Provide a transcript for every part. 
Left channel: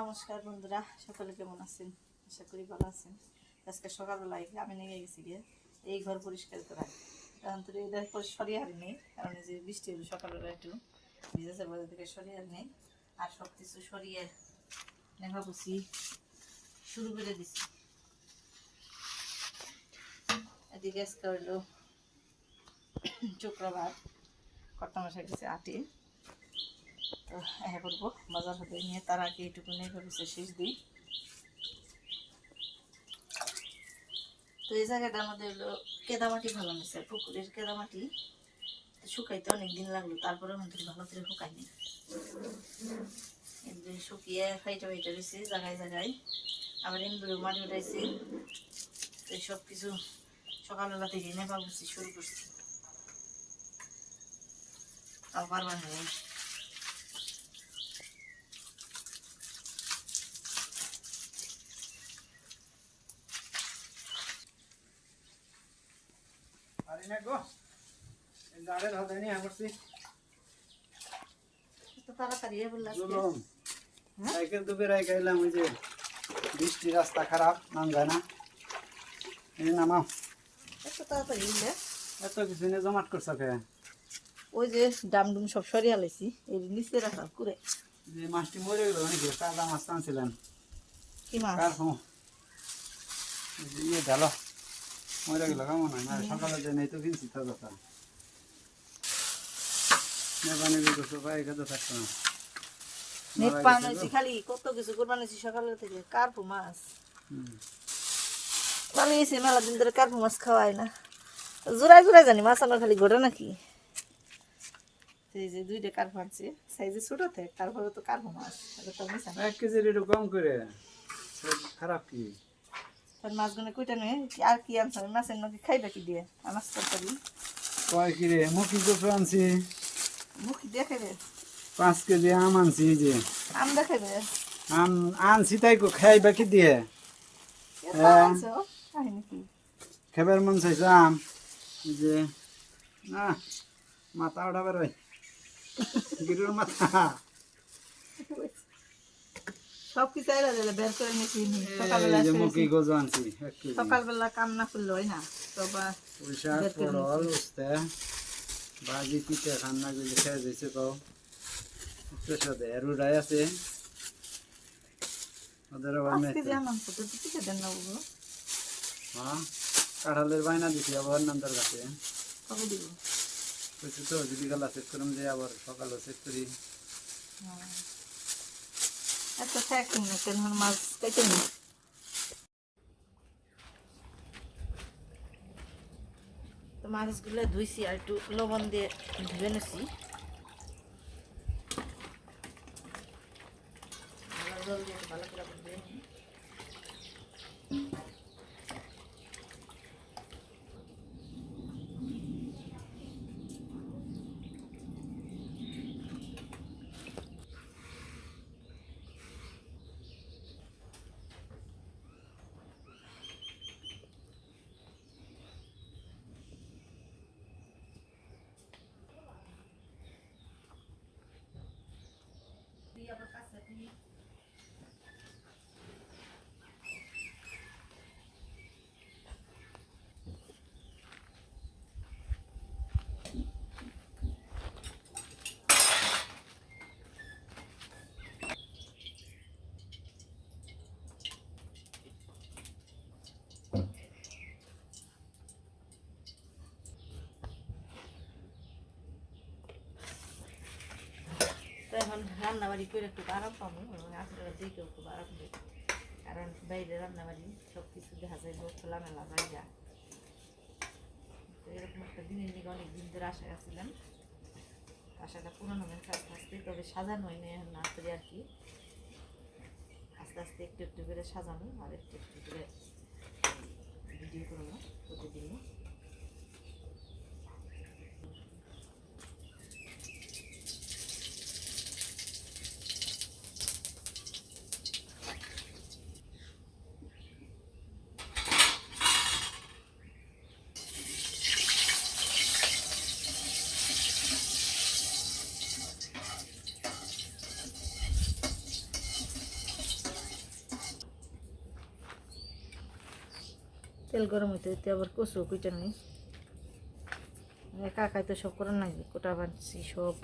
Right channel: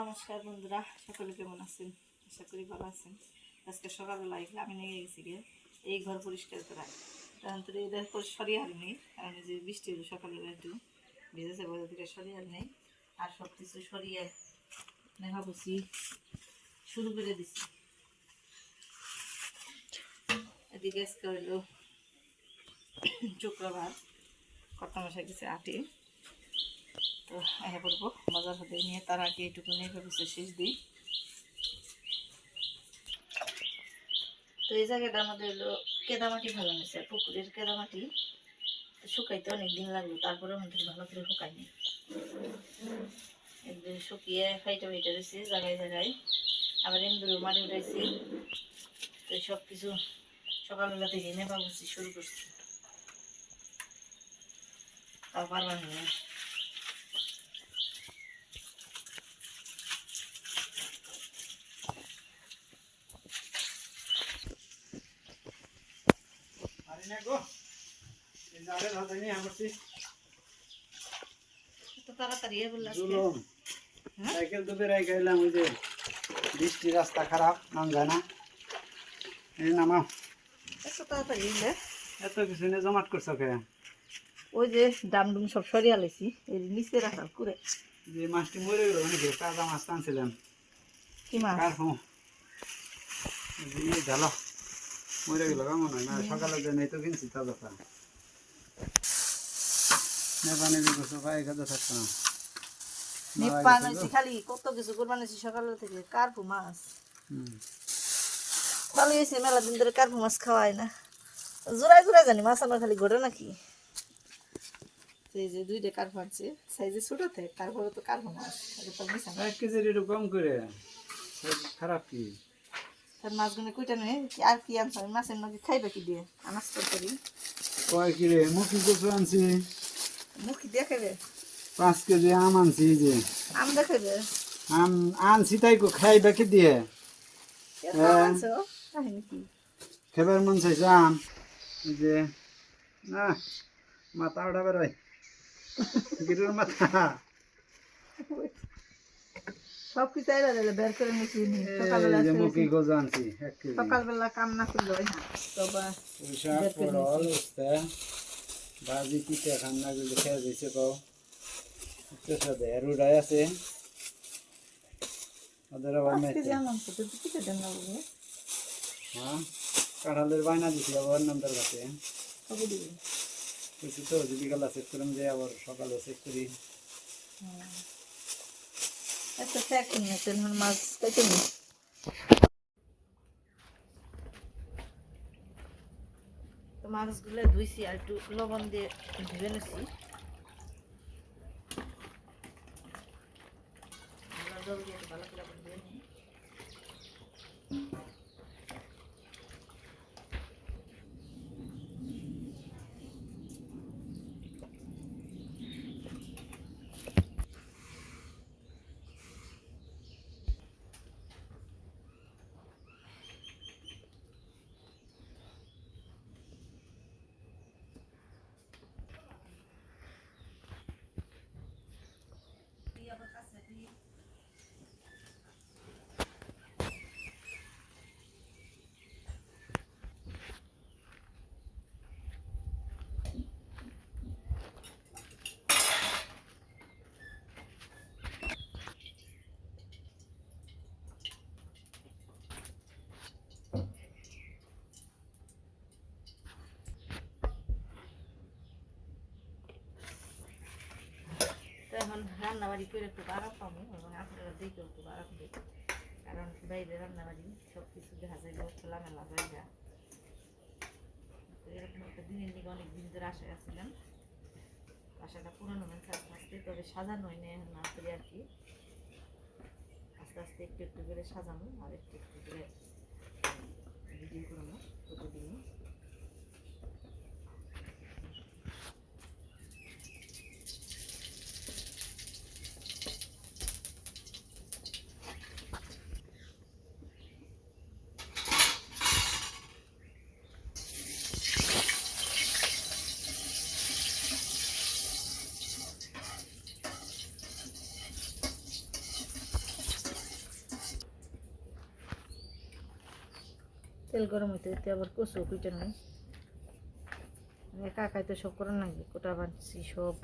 নমস্কার বন্ধুরা, সকলে কেমন আছেন? আশা করি ভালো আছেন। আজকে সকালবেলায় আমি নিয়ে গেছি গিয়ে এই ঘর পরিষ্কার করা। তো এটা সরিয়ে হারি নেই, কারণ যে বৃষ্টি হলো সকালবেলা একটু ভিজেছে বলে থেকে সরিয়ে হারি নেই, আর সব কিছু সরিয়ে দেখা বুঝি শুরু করে দিছি। এদিকে আজকে হইল শুক্রবার, কর্তা মশাই গেছে আটে। তো হ্যাঁ বলব বাজার হতে নিয়ে তার আগে এইটুকু নিয়ে ভেবেছে শেষ দিই। তো এই জায়গাটার মধ্যে হলো কেদামাটি ভালো নিছে পুকুরের কেদামাটি। শুকাইতে অনেক দিন লাগল তারপরে মধ্যে ভালো করে শুকায়নি। একদিন শুকিয়ে ফাইটা ফাইটা রয়েছে, জায়গায় জায়গায়। আবার এমদুরে মাটি উঠাইছি তো সব কিছু সকালবেলা থেকে নেবা শুরু করছি। তাও পারবার না পারি না গো এই জালের হাতে নিয়ে করছি তো তাড়াতাড়ি এ বললে আজকে। জুলুম হ্যাঁ? সাইকেল তো বেড়াই গেলাম ওই যে বৃষ্টি রাস্তা খারাপ নাম যায় না। এই নামাও এত কিছু নিয়ে জমাট করছ কে ওই যে ডাম ডুম সব সরিয়ে আলাইছি এর নিচে রাখা করে যে মাছটি মরে গেল নাকি কাদা মাছ টানছিলেন? কি মাছ? ঢালো। মরে গেল কেমন না সকালে যে তো কিনছি তাজা তা পায়ে থাকতো না। হয়েছি খালি কত কিছু থেকে কার্পু মাছ। হুম। ভালো হয়েছে মেলা দিন ধরে কার্পু মাছ খাওয়ায় না। জোড়ায় জোড়ায় জানি মাছ আমরা খালি ঘটে নাকি। এই যে দুইটা কার্পু আনছে সাইজে ছোট থাকে তারপরে তো কার্পু মাছ এক কেজির একটু কম করে খারাপ কি? তার মাছগুলো কইটা নিয়ে কি- আর কি আনছে? আমি মাছের নাকি খাইবে কি দিয়ে? আনাজ করি? কয় কি রে? মুখি কচু আনছি। মুখি দিয়ে খাইবে? পাঁচ কেজি আম আনছি যে। আম দেখাইবে আম আনছি তাই কো খাইবা কি দিয়ে? হ্যাঁ। খেবার মন চাইছে আম। যে না মাথা ওঠা বেরোয় গিরুর মাথা। সব কিছু দিলে বের করে নি। সকালবেলা মুখি। গজু আনছি সকালবেলা কাম না? করলে হয় না ভাজি পিঠা করে খেয়ে তো সাথে আছে। ওদের আবার মেয়ে দেন না হ্যাঁ কাঁঠালের বায়না দিছি আবার নান্দার কাছে। কবে দিব? তো যদি গেলা চেক করুন যে আবার সকালে চেক করি। এত ফ্যাক না, তেল মাছ কেটে নি তো মাছগুলো ধুইছি আর একটু লবণ দিয়ে ধুয়ে নিছি। ভালো জল দিয়ে একটু ভালো করে এখন রান্নাবাড়ি করে একটু আরাম পাবো এবং আপনারা দেখেও খুব আরাম দেবে। কারণ বাইরে রান্নাবাড়ি সব কিছু দেখা যায় খোলামেলা জায়গা। তো এরকম একটা দিনের দিকে অনেক দিন ধরে আশায় আসছিলাম আশাটা পূরণ হবে আস্তে আস্তে, তবে সাজানো হয় না এখন আসলে আর কি। আস্তে আস্তে একটু একটু করে সাজানো আর একটু একটু করে ভিডিও করব প্রতিদিনই। তেল গরম হইতে হইতে আবার কচু কুইটা নেই। একা একাই তো সব করার নাকি কোটা বানছি সব।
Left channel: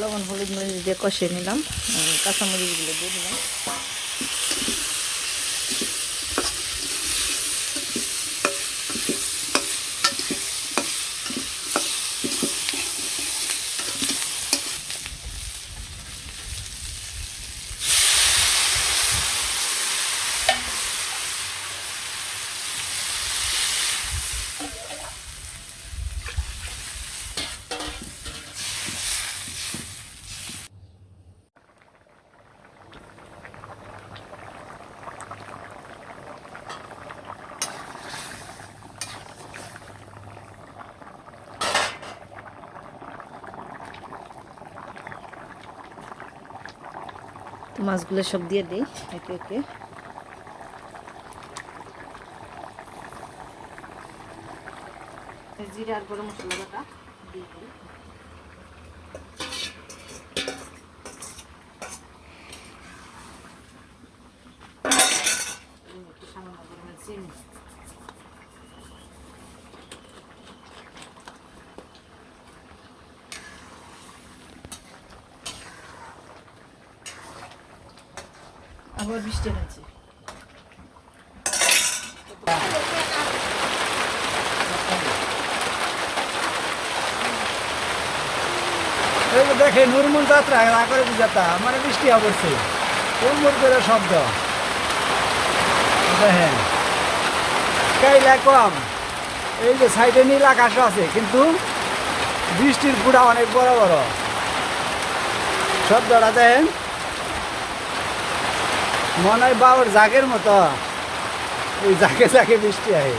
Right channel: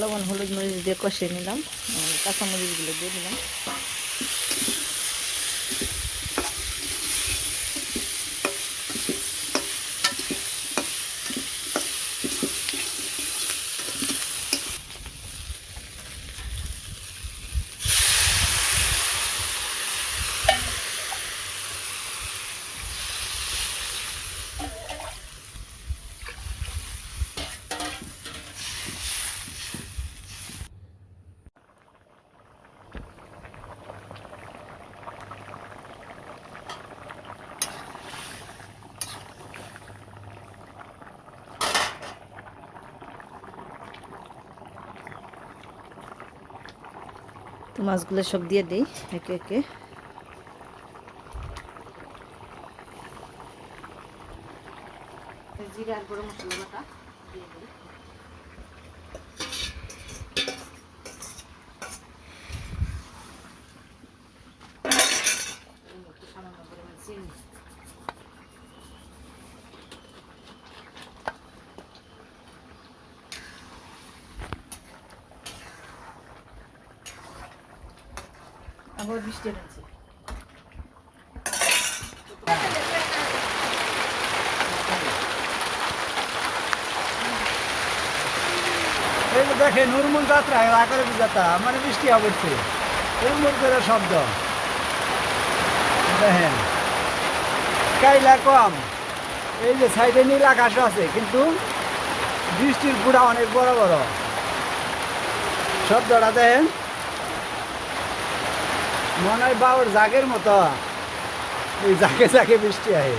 লবণ হলুদ মরিচ দিয়ে কষিয়ে নিলাম। কাঁচামরিচগুলো দিয়ে দিলাম। মাছগুলো সব দিয়ে দিই একে একে। জিরা আর গরম মশলা বাটা দিয়ে দিই। আবার বৃষ্টি হচ্ছে এই যে দেখেন নুরমুন যাত্রা আকারে যাত্রা মানে বৃষ্টি পড়ছে উড়মুড় করে শব্দ। দেখেন, কাইলা কম। এই যে সাইডে নীল আকাশও আছে, কিন্তু বৃষ্টির গুড়া অনেক বড় বড়। শব্দটা দেখেন। মনে হয় বাবুর জাগের মতো। এই জাগে জাগে বৃষ্টি আহে।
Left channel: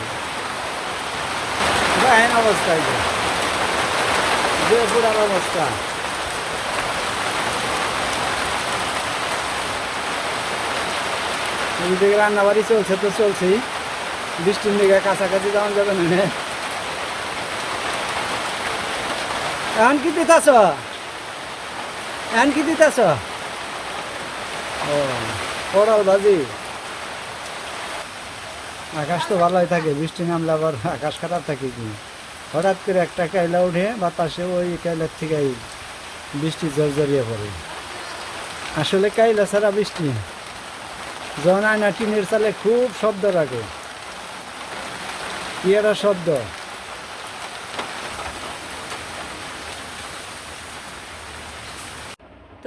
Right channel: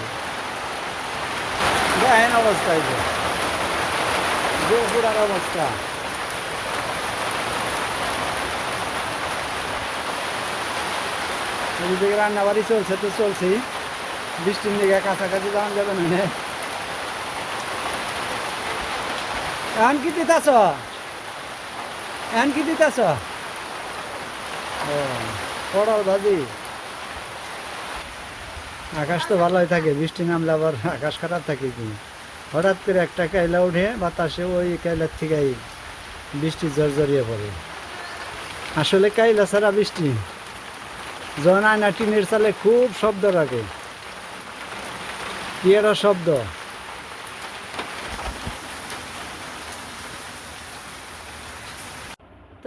দেখেন অবস্থা এই যে। গুড়ার অবস্থা। এদিকে রান্না বাড়ি চলছে তো চলছেই। বৃষ্টির দিকে কাছাকাছি যাওয়া যাবে নে। এখন কি দিতেছ? এখন কি দিতেছ? ও। পড়াল বাজি আকাশ তো ভালোই থাকে, বৃষ্টি নামলে আবার আকাশ খারাপ থাকে কি? হঠাৎ করে একটা কাইলা উঠে, বাতাসে ওই কাইলার থেকে বৃষ্টি জড়িয়ে পড়ে। আসলে কাইলা ছাড়া বৃষ্টি যখন আয়না টিনের চালে খুব শব্দ রাখে। পিয়ারা শব্দ?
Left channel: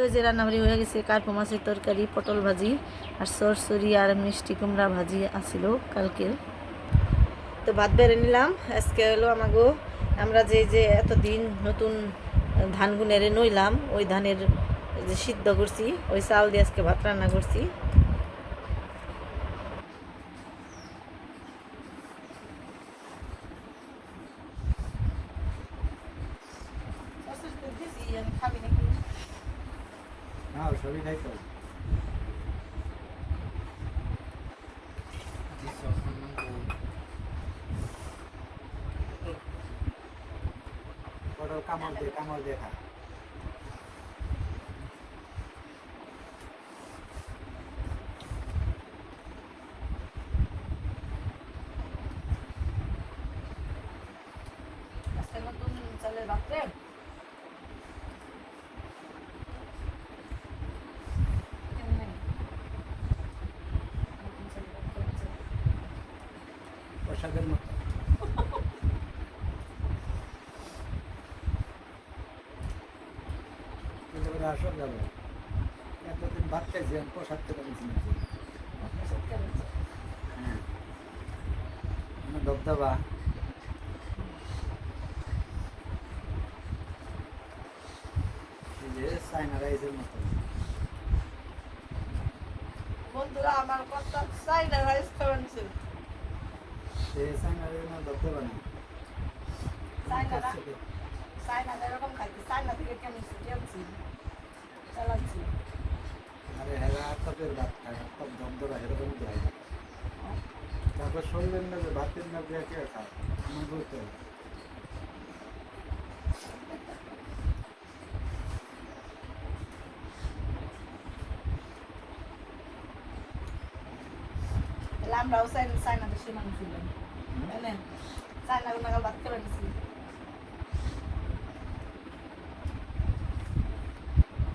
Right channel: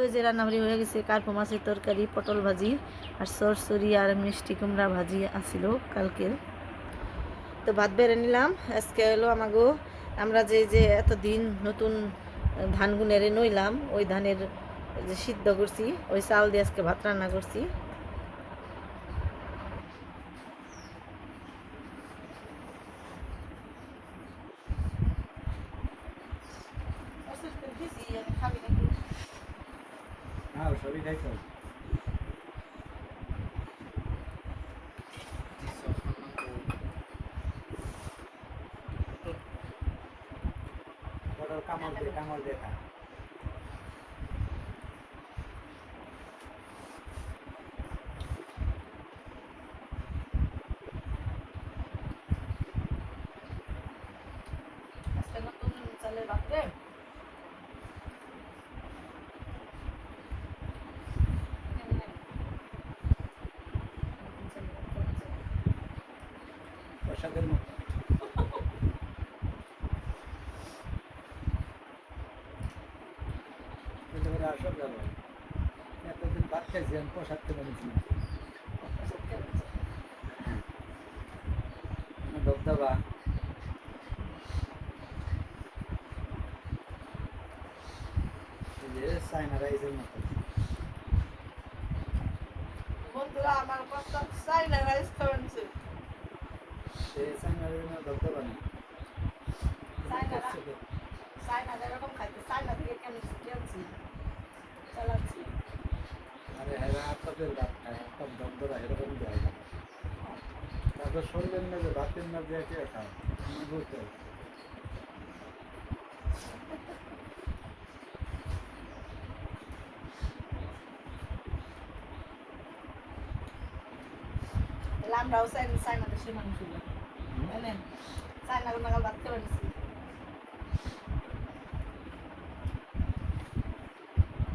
এই যে রান্নাবাড়ি হয়ে গেছে, কার্পো মাছের তরকারি, পটল ভাজি আর সরসরি আর মিষ্টি কুমড়া ভাজি আসিল কালকের। তো ভাত বেড়ে নিলাম। আজকে হলো আমাগো, আমরা যে যে এতদিন নতুন ধানগুনেরে নইলাম, ওই ধানের যে সিদ্ধ করছি, ওই চাল দিয়ে আজকে ভাত রান্না করছি। হ্যাঁ সবই খাইতে পটল কামড় দিয়ে কামড় দিয়ে খা আজকে নতুন চালের ভাত রে প্রসাদের মতো কিন্তু ওরা আসল যাব এতদিন ভাত খাইছি আমি প্রসাদ থেকে নিচ্ছি না হ্যাঁ। মানে দবদবা চাইনা রাইসের মতো। বন্ধুরা আমার কথা চাই না রাইস খাওয়া নিছে সে চাইনা রাইসের মতো দবদবা নেই চাইনা রা- চাইনা যেরকম খাইতে চাইনা থেকে কেমন কেমছি। চালাচ্ছি আরে হেরা আত্মাদের ভাত খায় এরকম দেয় না। তারপর শরীরের মধ্যে ভাতের মধ্যে কে খায়? আমার বলতে হবে। আমরাও চাই চাইনা দেশের মানুষ মেঘা ভাত করে নিছি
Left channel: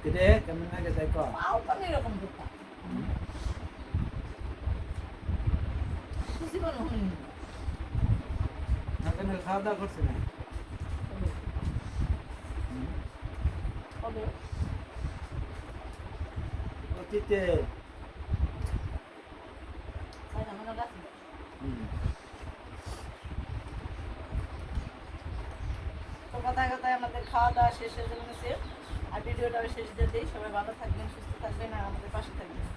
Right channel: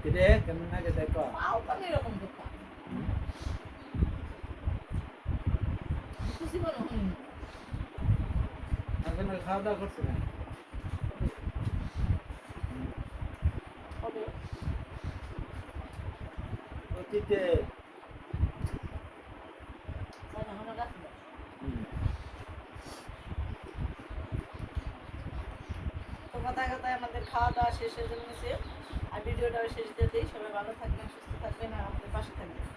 কিরে কেমন লাগে তাই কর আও তো আমি এরকম করতাম খুশি মনে হয়নি এখন আর খাওয়া দাওয়া করছে না? হবে অতীতে। চাইনা মনে রাখি তো কথায় কথায় আমাদের খাওয়া দাওয়া শেষ হয়ে গেছে আর ভিডিওটা শেষ দিয়ে দিই। সবাই ভালো থাকবেন সুস্থ থাকবেন আর আমাদের পাশে থাকবেন।